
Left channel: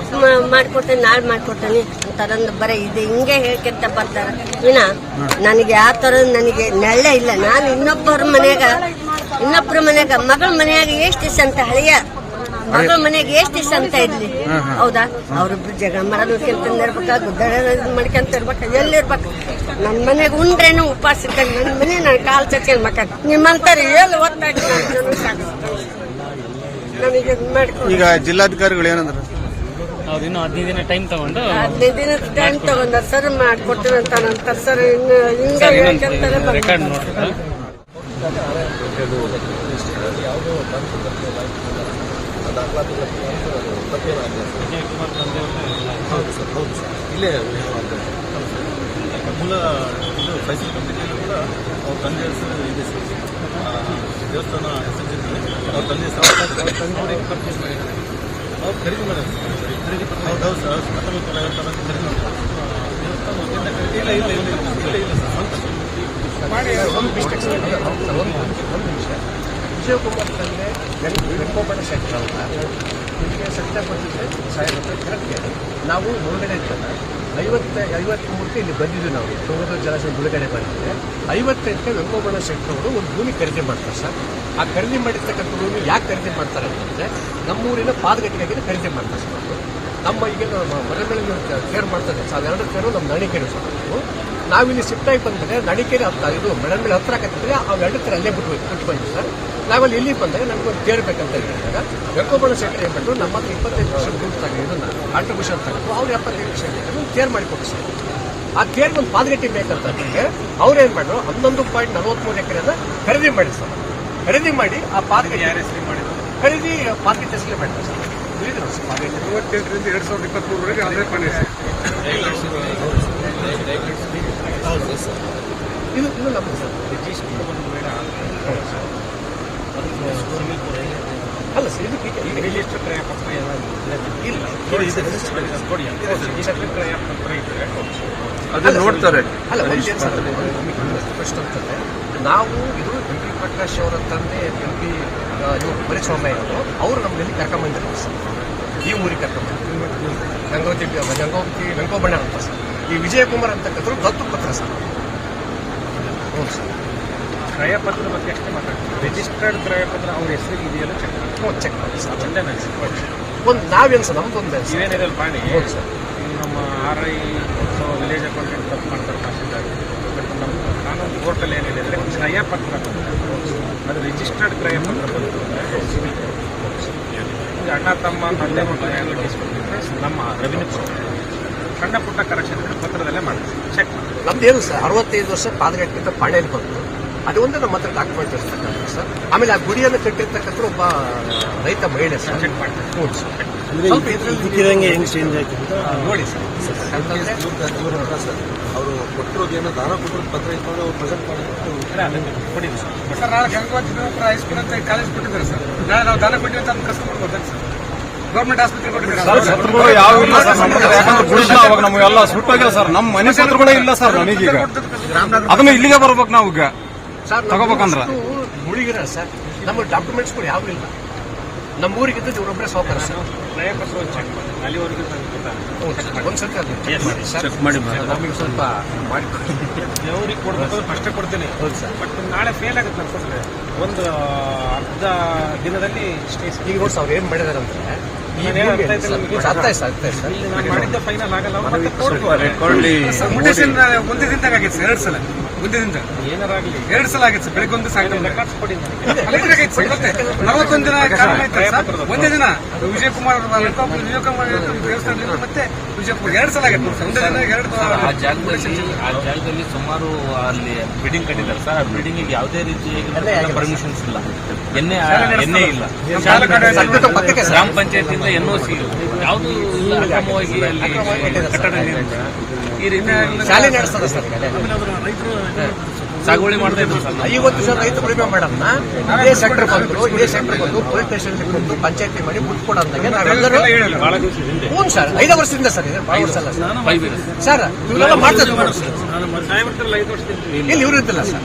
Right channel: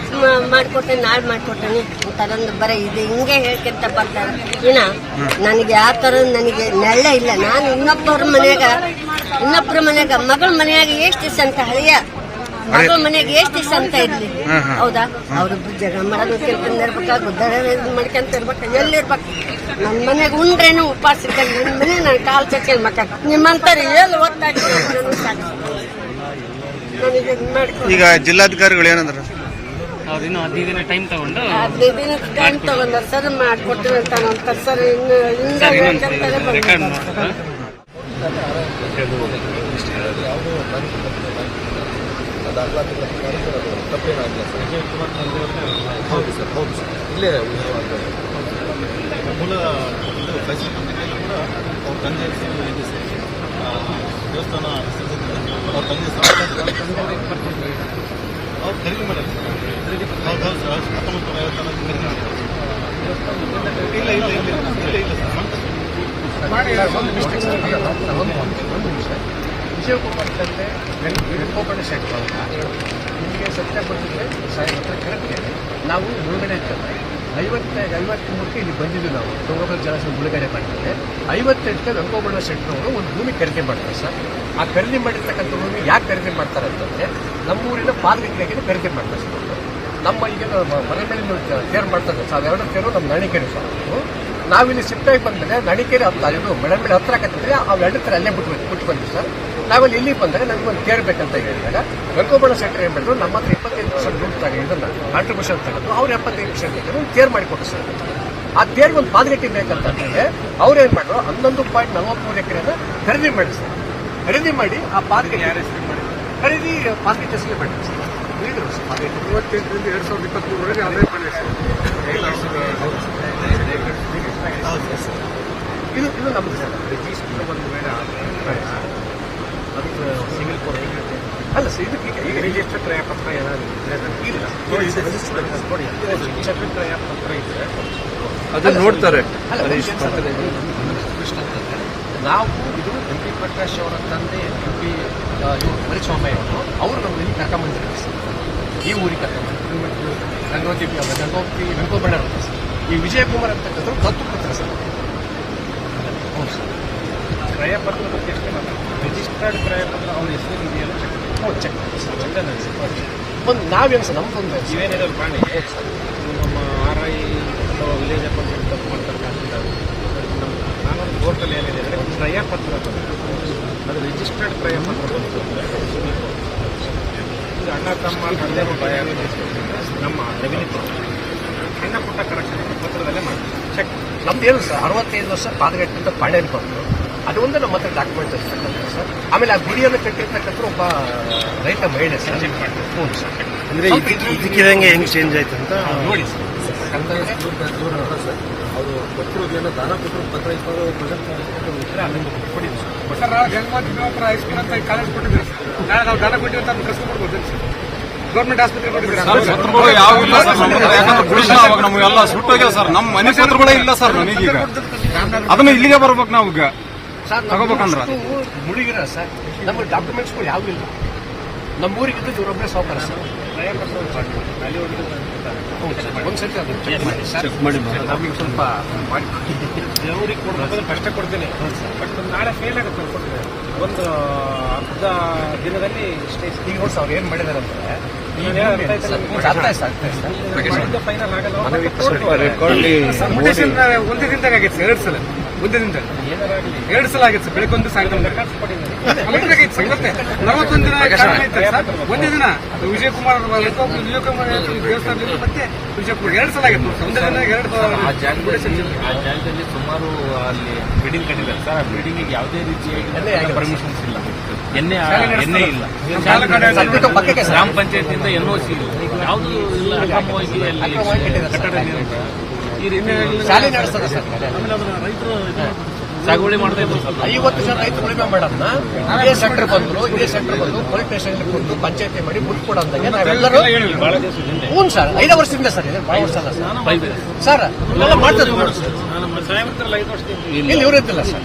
ಮಾಡಿಕೊಟ್ಟೆ ನಾಳೆ ಮಾಡಿಕೊಟ್ಟೇನೆ ಅಂತ ನಂದು ಬರೀ ಇದು ಹಿಂಗೆ ಹೇಳ್ಕೊಂತ ಬರ್ತಾರೆ. ಇನ್ನ ನನಗೆ ಯಾವ ತರ ನನಗೆ ನೆಳ್ಳೆ ಇಲ್ಲ. ನಾನು ಇನ್ನೊಬ್ಬರ ಮನೆಯಾಗ ಇನ್ನೊಬ್ಬರ ಮನೆಯಾಗ ಮಗಳ ಮನೆಯಾಗ ಎಷ್ಟು ಸಂತ ಅಂತ ಹಳೆಯ ಮಗಳ ಮನೆಗೆ ಎಷ್ಟು ದಿವಸ ಅಂತ ಇರ್ಲಿ. ಹೌದಾ? ಅವ್ರಿಬ್ರು ಜಗ ಮಾಡೋದು ಗುದ್ದಾಡ ಮಾಡ್ಕೊಂತ ಇರ್ಬೇಕು ಎಲ್ಲಿರ್ಬೇಕು ನನ್ನ ಮನೆಗೆ ಉಂಡ್ರೇನು ಉಪವಾಸ ಇರ್ತಾರೆ ನನ್ನ ಮನೆ ನಾನು ಕಾಲು ಚಚ್ಕೊಂಡ್ ಮಕ್ಕ ನಿಮ್ಮಂತಾರೆ ಎಲ್ಲಿ ಒತ್ತಾಗಿ ನನಗೆ ಈಗ ಜಿಲ್ಲಾಧಿಕಾರಿಗಳು ಏನಂದ್ರ? ಅವ್ರು ಹದಿನೈದು ದಿನ ಟೈಮ್ ತಗೊಂಡು ಹದಿನೈದು ದಿನ ಟೈಮ್ ತಗೊಂಡ ಸರ್ ಮಾಡ್ಕೊಟ್ಟಿವಿ ಅಂತ ನಂತರ ಸರ್ ಇನ್ನು ಹಿಂದೆ ಹೇಳ್ಕೊಂತಾನೆ ರೆಕಾರ್ಡ್ ದಾಖಲಾತಿಗಳ ಪ್ರಕಾರ ತಪ್ಪೇನಾಗಿಲ್ಲ ಹೌದು ಸರ್ ಹೌದು ಸರ್. ಇಲ್ಲೇ ಮೂಲ ಇದು ಫೈಸಲ್ ಪತ್ರಿಕೆಯಲ್ಲೂ ಕೂಡ ಅವ್ರ ತಂದೆ ಹೆಸರು ಇದೆ ಸರ್. ದೇವಸ್ಥಾನ ಹೆಸರಿಸಿದ್ರೆ ಅವ್ರ ತಂದೆ ಮಾಡಿದ್ದಾರೆ. ಅವ್ರು ಖರೀದಿ ಮಾಡಿದ್ರು ಸರ್. ಹೌದು ಹೌದು ಸರ್. ಹತ್ತೊಂಬತ್ತು ನೂರ ಐವತ್ತಾರಲ್ಲಿ ಖರೀದಿ ಮಾಡಿದ್ದಾರೆ. ದೇವಸ್ಥಾನ ಖರೀದಿ- ಇಲ್ಲ ಇಲ್ಲ ಇಲ್ಲ ಇಲ್ಲ ಇಲ್ಲ ಸರ್. ಸ್ವಂತ ಸರ್. ವಿಜಯಕುಮಾರ್ ತಂದೆ. ಗಣಕೋಪಣ ಶೆಟ್ಟರ್ ಅಂತ ಇದಕ್ಕೆ ಸತ್ಯ ಕೊಟ್ಟಿದ್ರೆ ಕರೆಕ್ಟೇನೆ ನಾವು ಮುಳುಗಡೆ ಇರ್ತದೆ ಐವತ್ತ ಐವತ್ಮೂರಕ್ಕೆ ಇಲ್ಲಿ ಬಂದಿದ್ವಿ ನಾವು. ತುಂಗಭದ್ರ ಜಲಾಶಯ ಮುಳುಗಡೆ ಮಾಡಿದ್ರೆ ಐವತ್ತೆಂಟಕ್ಕೆ ವೆಂಕೋಬಣ್ಣ ಶೆಟ್ಟರ್ ಅವರು ಒಂದು ಭೂಮಿ ಖರೀದಿ ಮಾಡ್ತಾರೆ ಸರ್. ಆ ಖರೀದಿ ಮಾಡಿರ್ತಕ್ಕಂಥ ಭೂಮಿ ಯಾಕೆ ಖರೀದಿ ಮಾಡ್ತಾರೆ ಅಂತಂದ್ರೆ ನಮ್ಮೂರಿನ ಪಾದಗಟ್ಟಿಗಾಗಿ ಖರೀದಿ ಮಾಡ್ತಾರೆ ಸರ್. ನಮ್ಮ ಈಗ ಮನೆ ಮೇಲೆ ಕೇರ್ ಮಾಡ್ತಾರೆ ಸರ್. ಅವೆರಡು ಕೇರು ನಮ್ಮ ನಾಣಿಕೆ ಸರ್. ನಾವಿಲ್ಲಿ ಶಿಫ್ಟಾಗಿ ಬಂದರೆ ನಣಿಕೆರೆ ಹತ್ತ ಇದು ಮೇಲೆ ಹತ್ರ ಅವ್ರು ಎರಡು ತರ ಅಲ್ಲೇ ಬಿಟ್ಟು ಬಿಟ್ಟು ಬಂದ್ವಿ ಸರ್. ನಾವಲ್ಲಿ ಇಲ್ಲಿ ಬಂದಾಗ ನಮ್ಗೆ ಒಂದು ಕೇಳಬೇಕಂತ ಬೇಕಂತ ಹೇಳಿದಾಗ ಗಂಗೋಬಣ ಶೆಟ್ಟರ್ ಏನು ಮಾಡಿದ್ರು ನಮ್ಮ ಹತ್ರ ಇಪ್ಪತ್ತೈದು ಪರ್ಸೆಂಟ್ ದುಡ್ಡು ತಗೊಂಡು ಇದನ್ನ ಕಾಂಟ್ರಿಬ್ಯೂಷನ್ ತಗೊಂಡು ಅವ್ರು ಎಪ್ಪತ್ತೈದು ಪರ್ಸೆಂಟ್ ಒಂದು ಕೇರ್ ಮಾಡಿಕೊಟ್ಟು ಸರ್. ಆ ಕೇರ್ಗೆ ಒಂದು ಪಾದಗಟ್ಟಿ ಬೇಕಂತ ಅಂದ್ರೆ ಅವ್ರು ಏನ್ ಮಾಡಿದ್ರು ಹನ್ನೊಂದು ಪಾಯಿಂಟ್ ನಲವತ್ಮೂರು ಎಕರೆನ ಖರೀದಿ ಮಾಡಿ ಸರ್. ಖರೀದಿ ಮಾಡಿ ಆ ಪಾರ್ಕ್ ಮಾಡಿ ಹೆಸರು ಮಾಡಿದ್ರು ಖರೀದಿ ಪಾರ್ಕ್ ಹೆಸರಿಗೆ ಮಾಡಿದ್ರು ಸರ್. ಹೇಳಿದ್ರು ಸರ್. ಎರಡ್ ಸಾವಿರದ ಇಪ್ಪತ್ಮೂರವರೆಗೆ ಅದೇ ಹೌದು ಸರ್ ಇದು ಇದು ನಮ್ದು ಸರ್ ರಿಜಿಸ್ಟರ್ ಒಂದು ಅದಕ್ಕೆ ಸಿವಿಲ್ ಕೋರ್ ಅಲ್ಲ ಸರ್ ಇದಕ್ಕೆ ಈಗ ರಿಜಿಸ್ಟರ್ ಕ್ರಯ ಪತ್ರ ಏನಾದ್ರು ಇದ್ರೆ ನನಗೆ ಇಲ್ಲ ಕೊಡಿ ರಿಜಿಸ್ಟರ್ ಕ್ರಯ ಪತ್ರ ಇದ್ರೆ ಅದನ್ನ ನೋಡ್ತಾರೆ. ಅಲ್ಲ ಒಂದು ಸರ್ ಪ್ರಶ್ನೆ ಅಂತಂದ್ರೆ ನಾವು ಇದು ಎಂ ಪಿ ಪ್ರಕಾಶ್ ಅವರ ತಂದೆ ಎಂ ಪಿ ಇವರು ಮರಿಸ್ವಾಮಯ್ಯ ಅವರು ಅವರು ನಮ್ಮಲ್ಲಿ ಕರ್ಕೊಂಬಂದಿರ್ತಾರೆ ಸರ್ ಈ ಊರಿಗೆ ಕರ್ಕೊಂಬಂದ್ರು ಗಂಗೋತಿ ಗಂಗೋತಿ ಗಂಗೋಬಣ್ಣ ಅಂತ ಸರ್ ಈ ವಿಜಯಕುಮಾರ್ ಅಂತಕ್ಕಂಥದ್ದು ದತ್ತು ಪತ್ರ ಸರ್. ಹ್ಞೂ ಸರ್ ಕ್ರಯ ಪತ್ರ ಬಗ್ಗೆ ಅಷ್ಟೇ ಮಾತಾಡ್ತೀವಿ. ರಿಜಿಸ್ಟರ್ಡ್ ಕ್ರಯಪತ್ರ ಅವ್ರ ಹೆಸರು ಇದೆಯಲ್ಲ ಚೆಕ್ ಮಾಡಿ. ಚೆಕ್ ಮಾಡಿ ಸರ್. ಒಂದೇ ನನಗೆ ಒಂದು ನಾವೇನು ಸರ್ ನಮ್ದು ಒಂದೇ ಇವೇನಿರಲ್ಲ ಪಾಣಿ ಹೌದು ಸರ್. ನೀವು ನಮ್ಮ ಆರ್ ಐ ವಿಲೇಜ್ ಅಕೌಂಟೆಂಟ್ ತಪ್ಪು ಮಾಡ್ತಾರೆ ಮಾಡ್ತಿದ್ದಾರೆ ಬಟ್ ನಮ್ಮ ಕಾನೂನು ಕೋರ್ಟಲ್ಲಿ ಏನಿದೆ ಅಂದರೆ ಕ್ರಯಪತ್ರ ಬಂದಿದೆ ಅದು ರಿಜಿಸ್ಟರ್ಡ್ ಕ್ರಯಪತ್ರ ಬಂತು ಅಂದರೆ ಕೋರ್ಟ್ ಈಗ ಅಣ್ಣ ತಮ್ಮ ತಂದೆ ಮಕ್ಕಳ ನಮ್ಮ ರೆವಿನ್ಯೂ ಸಣ್ಣ ಪುಟ್ಟ ಕರೆಕ್ಷನ್ ಇದ್ರೆ ಪತ್ರದಲ್ಲೇ ಮಾಡ್ತೀವಿ. ಚೆಕ್ ಮಾಡಿ. ನಮ್ದು ಏನು ಸರ್ ಅರವತ್ತೈದು ವರ್ಷ ಪಾದಗಟ್ಟಿಂದ ಪಾಣೆಯಲ್ಲಿ ಬಂತು ಅದು ಒಂದು ನಮ್ಮ ಹತ್ರ ಡಾಕ್ಯುಮೆಂಟ್ ಇರ್ತಕ್ಕಂಥ ಸರ್. ಆಮೇಲೆ ಆ ಗುಡಿಯನ್ನು ಕಟ್ಟಿರ್ತಕ್ಕಂಥ ಒಬ್ಬ ರೈತ ಮಹಿಳೆ ಸರ್. ಚೆಕ್ ಮಾಡ್ತೀವಿ ಹ್ಞೂ ಸರ್. ಅಂದ್ರೆ ಇದಕ್ಕಿದಂಗೆ ಹೆಂಗ್ ಚೇಂಜ್ ಆಯ್ತು ಅಂತ? ನೋಡಿ ಸರ್. ಯಾಕಂತಂದ್ರೆ ಸರ್ ಅವರು ಕೊಟ್ಟಿರೋದು ಏನೋ ದಾನ ಕೊಟ್ಟಿರೋದು ಪತ್ರ ಇತ್ತು ಅವ್ರು ಪ್ರೆಸೆಂಟ್ ಮಾಡಿಬಿಟ್ಟು ಕೊಡಿ ಸರ್. ನಾಳೆ ಗಂಗೋತ್ರಿ ಹೈಸ್ಕೂಲ್ ಅಂತ ಕಾಲೇಜ್ ಕೊಟ್ಟಿದ್ದಾರೆ ಸರ್. ನಾಳೆ ನಾವು ದಾನ ಕೊಟ್ಟಿರೋ ಅಂತ ಪ್ರಶ್ನೆ ಮಾಡ್ಬೋದು ಸರ್. ಗೌರ್ಮೆಂಟ್ ಆಸ್ಪತ್ರೆ ನಮಗೆಲ್ಲ ಸುಟ್ಟೋಗ್ಯಾವ ಸರ್ ನಮ್ಮ ಮನೆ ಕೂಡ ಇಲ್ಲ ಸರ್ ನಮಗೀಗ. ಅದನ್ನ ಇಲ್ಲಿಗೆ ಬರ್ಬೇಕು ನಾವು ಈಗ. ಸರ್ ತಗೋಬೇಕಂದ್ರೆ? ಮುಳುಗಿರ ಸರ್. ನಮ್ಮ ಡಾಕ್ಯುಮೆಂಟ್ಸ್ಗಳು ಯಾವ್ದು ಇಲ್ಲ. ನಮ್ಮ ಊರಿಗೆ ಇದ್ದು ಇವರೊಬ್ಬರೇ ಸಾವುಕಾರ ಸರ್. ಕ್ರಯ ಪತ್ರ ಒಂದು ಚೆಕ್ ಮಾಡಿ. ಅಲ್ಲಿವರೆಗೂ ಗೊತ್ತಾಗುತ್ತೆ ಒಂದ್ಸತಿ ಅದು. ಚೆಕ್ ಮಾಡಿ ಸರ್ ನಮಗೆ ಸ್ವಲ್ಪ ಮಾಡಿ. ಅವ್ರಿಗೆ ಕೊಡ್ಬೇಕಾದ್ರೆ ಫಸ್ಟೇ ಕೊಡ್ತೇನೆ. ಬಟ್ ನಾಳೆ ಫೇಲ್ ಆಗುತ್ತೆ ಅನ್ಕೊಂಡ್ರೆ. ಒಂದು ಅರ್ಧ ದಿನದಲ್ಲಿ ಸ್ಟೇಸ್ ಈಗ ಸರ್ ಅವ್ರು ಏನ್ ಮಾಡಿದಾರೆ ಅಂದ್ರೆ ಸರ್. ಫೈನಲ್ ಆಗಲ್ಲ. ಒಂದೇ ದಿನದಾಗ ಆಗೈತೆ ಎರಡು ಸಲ ಒಂದೇ ಏನಾರಾಗ್ಲಿ ಎರಡು ಸಲ ಆಗಿತ್ತು ಸರ್ ಬೆಳಗ್ಗೆ ಒಂದು ಸಾಯಂಕಾಲ. ರೆಕಾರ್ಡ್ಸ್ ನಲವತ್ತೊಂದು ದಿನ ಒಂದೇ ದಿನ ಲಂಕಾ- ವಿಜಯಕುಮಾರ್ ದೇವಸ್ಥಾನ ಮತ್ತೆ ವಿಜಯಕುಮಾರ್ ಎರಡು ಸಲ ಆಗಿತ್ತು ಸರ್. ಒಂದೇ ದಿನ ಎರಡು ಆ ಜಾಗದಲ್ಲಿ ಆ ಜಾಗದಲ್ಲಿ ಸುಮಾರು ಅಲ್ಲಿ ಬಿಲ್ಡಿಂಗ್ ಕಟ್ಟಿದ್ದಾರೆ ಸರ್. ಆ ಬಿಲ್ಡಿಂಗ್ ಯಾವುದೇ ರೀತಿ ಪರ್ಮಿಷನ್ಸ್ ಇಲ್ಲ. ಎಣ್ಣೆ ಎಣ್ಣೆ ಇಲ್ಲ. ಗ್ರಾಮ ಪಂಚಾಯತ್ ಎನ್ ಓ ಸಿ ಇಲ್ಲ ಯಾವುದು ಅಕ್ರಮವಾಗಿ ಕಟ್ಟಡ ಇದೆ. ಶಾಲೆ ನಡೆಸ್ತದ ಸರ್. ಸಾಗುವಳಿ ಮಾಡ್ತಾ ಇದ್ರು ಸರ್. ಐವತ್ತು ಸಾವಿರ ರೈತರು ಉಳಿಮೆ ಮೇಡಮ್ನ ಇದೇ ಸೆಂಟರ್ ಬಂದ್ರು ಇದೇ ಸೆಂಟರ್ ಬಂದು ಪೊಲೀಸ್ ಸ್ಟೇಷನ್ ಬಂದು ಪಂಚಾಯತಿ ಮಾಡಿ ಬಿಟ್ಕೊಡಂದಾಗೆ ನಾವೆಲ್ಲರೂ ಹ್ಞೂ ಸರ್ ಐದು ವರ್ಷದಿಂದ ಸರ್ ಇದೆ. ವರ್ಷ ಅಲ್ಲ ಸರ್. ಸರ್. ಇವರೆಲ್ಲ ವರ್ಷದಿಂದ ಇಲ್ಲಿ ಇವ್ರು ಇದ್ದಿಲ್ಲ ಸರ್.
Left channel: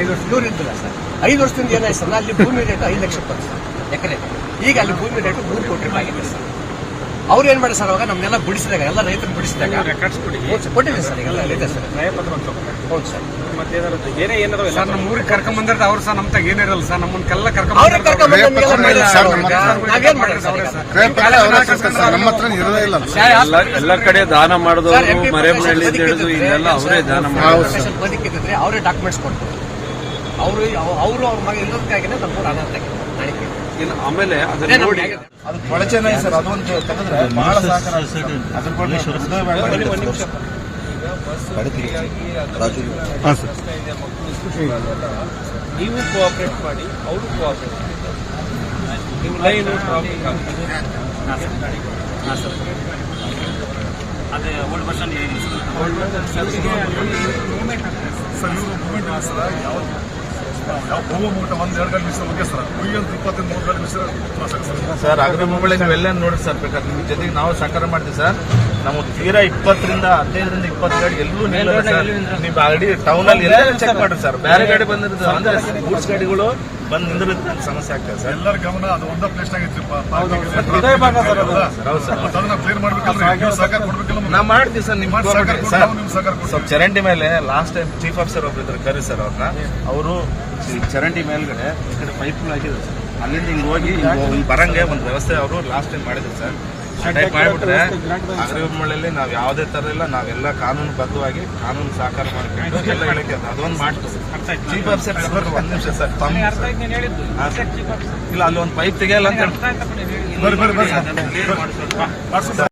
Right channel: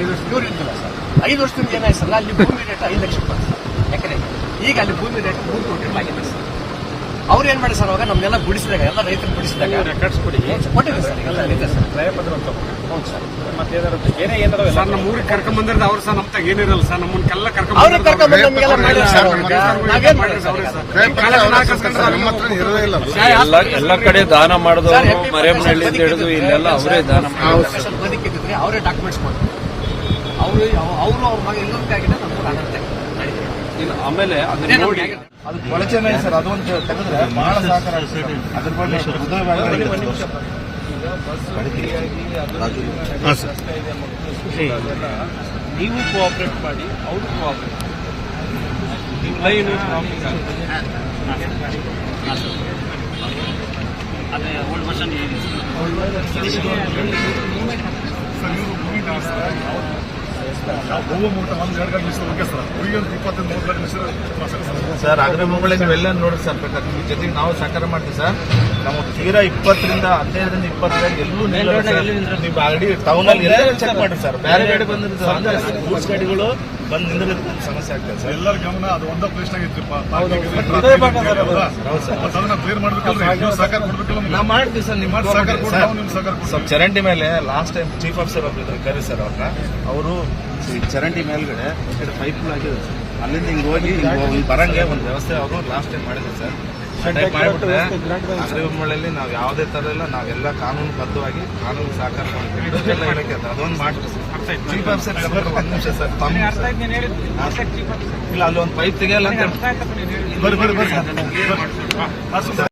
ಐದು ವರ್ಷ. ಇವ್ರು ಇದ್ದಿಲ್ಲ ಸರ್. ಐದು ವರ್ಷದಿಂದ ಏನಾಯ್ತು ಸರ್ ಅಲ್ಲಿ ಭೂಮಿ ರೇಟ್ ಐದು ಲಕ್ಷ ರೂಪಾಯಿ ಸರ್ ಎಕರೆಗೆ. ಈಗ ಅಲ್ಲಿ ಭೂಮಿ ರೇಟ್ ಮೂರು ಕೋಟಿ ರೂಪಾಯಿ ಆಗಿದೆ ಸರ್. ಅವ್ರು ಏನ್ ಮಾಡಿ ಸರ್ ಅವಾಗ? ನಮ್ಗೆಲ್ಲ ಬಿಡಿಸಿದಾಗ ಎಲ್ಲ ರೈತರು ಬಿಡಿಸಿದಾಗ. ರೆಕಾರ್ಡ್ಸ್ ಕೊಡಿ. ಕೊಟ್ಟಿದ್ದೀನಿ ಸರ್ ಎಲ್ಲ ಇದೆ ಸರ್. ಕ್ರಯ ಪತ್ರ ಒಂದು ತಗೋಬೇಕು ಹೌದು ಸರ್. ಮತ್ತೆ ಏನಾರು ಏನೇ ಏನಾರು ಸರ್ ನಮ್ಮ ಊರಿಗೆ ಕರ್ಕೊಂಡ್ ಬಂದಿರೋದು ಅವ್ರು ಸಹ ನಮ್ಮ ತಾಗ ಏನಿರಲ್ಲ ಸರ್ ನಮ್ಮನ್ನೆಲ್ಲ ಕರ್ಕೊಂಡ್ ಅವ್ರೇ ಕರ್ಕೊಂಡ್ ಬಂದು ನಮ್ಗೆಲ್ಲ ಮಾಡಿದ್ರು ಸರ್ ಅವ್ರಿಗೆ. ನಾವೇನ್ ಮಾಡಿದ್ರು ಸರ್ ಎಲ್ಲ ಎಲ್ಲ ಕಡೆ ದಾನ ಸರ್, ಮಾಡಿದವರು ಮರೇಮನಹಳ್ಳಿ ಹಿಡಿದು ಇಲ್ಲೆಲ್ಲ ಅವರೇ ದಾನ ಮಾಡಿದ್ರು ಬದುಕಿದ್ರೆ ಅವರೇ ಡಾಕ್ಯುಮೆಂಟ್ಸ್ ಕೊಡ್ತಾರೆ. ಅವರು ಅವರು ಅವ್ರ ಮಗ ಇರೋದಕ್ಕಾಗಿ ನಮ್ಮ ಅನರ್ಥ ಇನ್ನು ಆಮೇಲೆ ಅದನ್ನ ನೋಡಿ ಅದು ಕೊಳಚೆನ ಸರ್ ಅದೊಂದು ತೆಗೆದ್ರೆ ಬಹಳ ಸಹಕಾರ. ಅದ್ರ ಬಗ್ಗೆ ಹೃದಯ ಭಾಗದಲ್ಲಿ ನೀವು ಕೋಆಪರೇಟ್ ಮಾಡಿ ಅವ್ರು ಕೋಆಪರೇಟ್ ನೀವು ಲೈನ್ ಟ್ರಾಫಿಕ್ ಅದೇ ಓಲ್ಡ್ ವರ್ಷನ್ ಸರ್ ಇವರು ಮೂಮೆಂಟ್ ಸರ್ ಸರ್ ಯಾವ ಹೋಗೋ ಒಂದು ಒಂದ್ ಎರಡು ಗಂಟೆ ಸರ್. ಒಂದು ಇಪ್ಪತ್ತೈದು ಮೂವತ್ತು ಗಂಟೆ ನಿಮಿಷ ಸರ್ ಸರ್. ಅಗ್ರ ಮುಂಬಳಿ ನೀವೆಲ್ಲ ನೋಡಿ ಸರ್ ಬೇಕಾದ್ರೆ ನಿಮ್ಮ ಜೊತೆಗೆ ನಾವು ಸಹಕಾರ ಮಾಡ್ತೀವಿ ಸರ್. ನಾವು ತೀರಾ ಇಪ್ಪತ್ತರಿಂದ ಹದಿನೈದರಿಂದ ಇಪ್ಪತ್ತು ಗಾಡಿ ಎಲ್ಲೂ ನಿಲ್ಲ ನೀವು ಗಾಡಿ ಟೌನ್ ಅಲ್ಲಿ ಎಲ್ಲ ಚೆಕ್ ಮಾಡ್ರಿ ಸರ್. ಬೇರೆ ಗಾಡಿ ಬಂದಿರ್ತದೆ ಅಂದ್ರೆ ಗೂಡ್ಸ್ ಗಾಡಿಗಳು ಬಂದ್ ಸಮಸ್ಯೆ ಆಗ್ತದೆ ಸರ್. ಎಲ್ಲರ ಗಮನ ಅದು ಒಂದ ಪ್ಲೇಸ್ ನಾಗ ಇತ್ತು ಹೃದಯ ಭಾಗ ಸರ್ ಅದು. ಹೌದು ಸರ್. ಅದನ್ನ ಕ್ಲಿಯರ್ ಮಾಡ್ಬೇಕಲ್ರಿ ನೀವು ಸಹಕಾರ ಕೊಡ್ಬೇಕಲ್ಲ ನಾವು ಮಾಡ್ತೀವಿ ಸರ್ ನಿಮ್ ಮಾಡಿ ಸಹಕಾರ ಕೊಡಿ, ನಾವು ನಿಮ್ಗೆ ಸಹಕಾರ ಕೊಡ್ತೀವಿ. ಸ್ವಲ್ಪ ಚರಂಡಿ ಮೇಲೆ ಲಾಸ್ಟ್ ಟೈಮ್ ಚೀಫ್ ಆಫೀಸರ್ ಒಬ್ರು ಇದ್ರು ಕರಿ ಸರ್ ಅವ್ರನ್ನ ಅವರು ಚರಂಡಿ ಮೇಲ್ಗಡೆ ಈ ಕಡೆ ಪೈಪ್ ಹಾಕಿದ್ರು ಸರ್. ಅಲ್ಲಿಂದ ಹಿಂಗ್ ಹೋಗಿ ಹಿಂಗ್ ಬರಂಗೆ ಒಂದು ವ್ಯವಸ್ಥೆ ಅವರು ಲಾಸ್ಟ್ ಟೈಮ್ ಮಾಡಿದ್ರು ಸರ್. ಆ ಮಾಡಿಬಿಟ್ರೆ ಅಗ್ರಿಮಳೆಯಲ್ಲಿ ನಾವು ಯಾವುದೇ ತರ ಇಲ್ಲ ನಾವೆಲ್ಲ ಕಾನೂನು ಬದ್ಧವಾಗಿ ಕಾನೂನು ಸಹಕಾರ ಮಾಡ್ಕೊಂಡು ಎಲ್ಲ ಇಲಾಖೆ ಅದು. ಅದೊಂದು ಮಾಡ್ತೀವಿ ಚೀಫ್ ಆಫೀಸರ್ ಒಂದ್ ನಿಮಿಷ ಸರ್ ತಮ್ಮ ಹಾ, ಸರ್. ಇಲ್ಲ ಅಲ್ಲಿ ಒಂದು ಪೈಪ್ ತೆಗೆಯಲ್ಲ ಅಂತ ಬರ್ರಿ ಬರ್ರಿ ಬರ್ರಿ.